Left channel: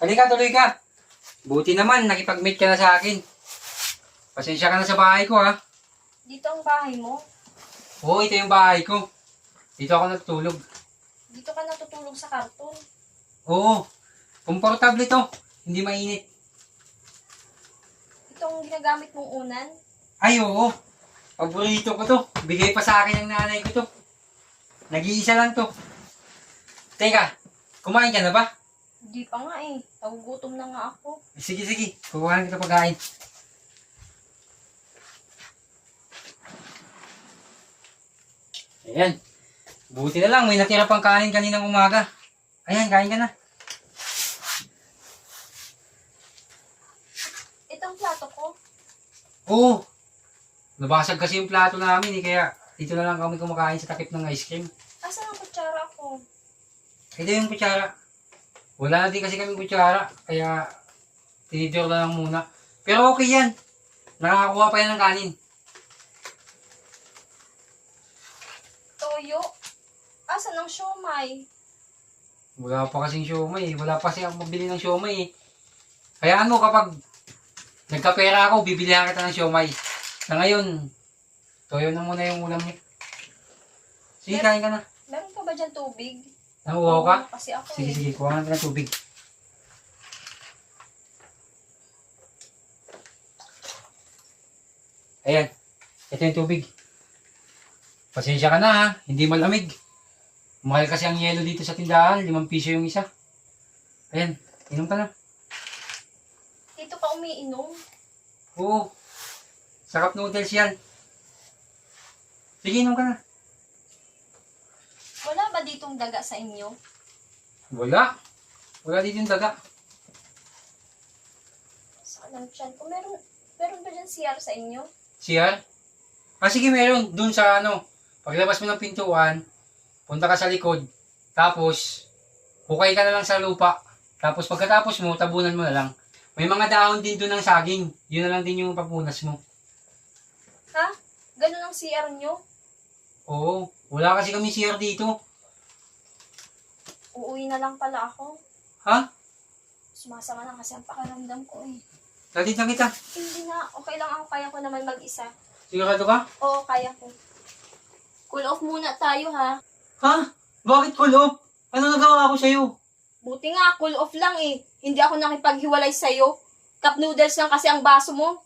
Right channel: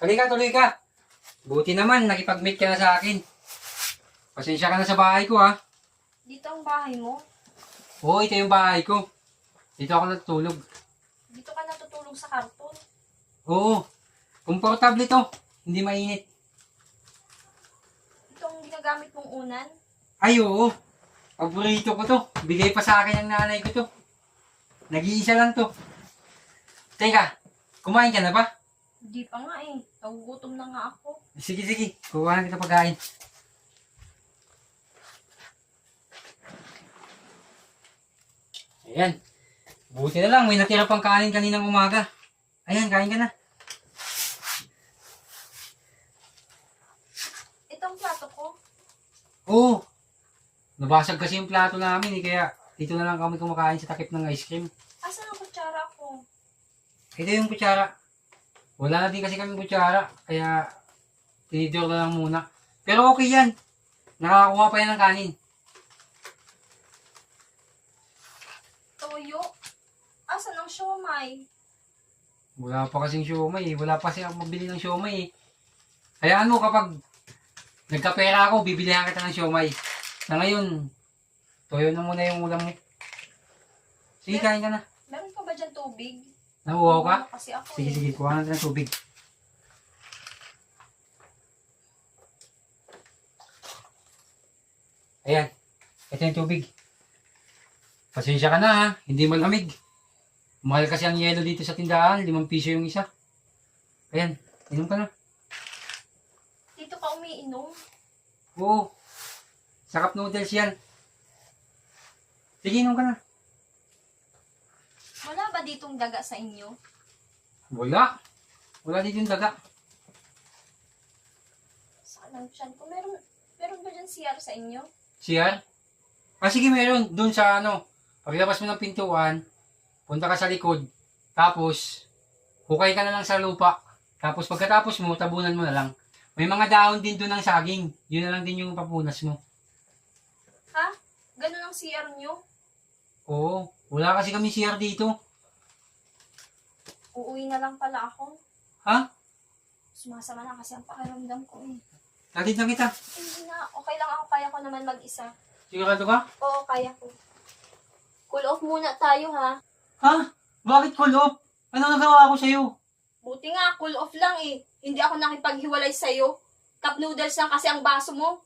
Halika, tuloy ka. Buti naman, nakipag-meet ka na sa akin. Pasensya ka na sa bahay ko, ha? Dito ang bahay mo? Oo, ito yung bahay ko. Dito ako natutulog. Dito ka natutulog sa karton? Oo, komportable to. Hindi mainit. Ito ang ginagamit mong unan? Ay, oo. Paborito ko to. Bigay pa sa akin ng nanay ko to. Nag-iisa lang to. Teka, kumain ka na ba? Di pa nga eh. Nagugutom na nga ako. Sige, sige. Kukuhanin kita pagkain. Ayan. Buti na lang, may natira pang kanin kaninang umaga. Ayan, kain ka na. Itong plato ko? Oo. Nabasag kasi yung plato namin eh, kaya dito na lang kami kumakain sa takip ng ice cream. Asan ang kutsara ko? Ito yung kutsara. Wala na din kasi kami kutsara, kaya tinidor na lang muna. Pero okay yan. Nakakakuha pa yan ng kanin. Toyo? Asan ang siomay? Wala pa kasing siomay eh. Wala pa kasi ako mabili ng siomay eh. Hayaan mo kapag nagkapera ako, bibilihan kita ng siomay. Sa ngayon, toyo na muna yung ulam mo. Sige, kain ka na. Meron ka ba dyan tubig? Nahuhaw ka? Oo, kasi ako Sige, eh. sige. Kuha natin ng tubig. Ayan. Ito yung tubig. Pasensya ka na ha. Hindi malamig. Mahal kasi ang yelo dito sa tindahan. 5 piso yung isa. Ayan. Inom ka na. Dito ka umiinom? Oo. Sarap noodles yan. Sige, inom ka na. Wala ba ditong daga sa inyo? Wala. Wala dito yung daga. Saan ang tiyan ko? Meron ba dyan CR sa inyo? CR? Ah, sige, meron. Doon sa ano. Paglabas mo ng pintuan, punta ka sa likod. Tapos, hukay ka na lang sa lupa. Tapos pagkatapos mo, tabunan mo na lang. May mga dahon din doon ng saging. Yun na lang din yung papunas mo. Ha? Ganun ang CR nyo? Oo. Wala kasi kami CR dito. Uuwi na lang pala ako. Ha? Sumasama na kasi ang pakiramdam ko eh. Latid na kita. Hindi na. Okay lang ako. Kaya ko naman mag-isa. Sigurado ka? Oo, kaya ko. Cool off muna tayo ha. Ha? Bakit cool off? Ano nagawa ko sa'yo? Buti nga, cool off lang eh. Hindi ako nakipaghiwalay sa'yo. Cup noodles lang kasi ang baso mo.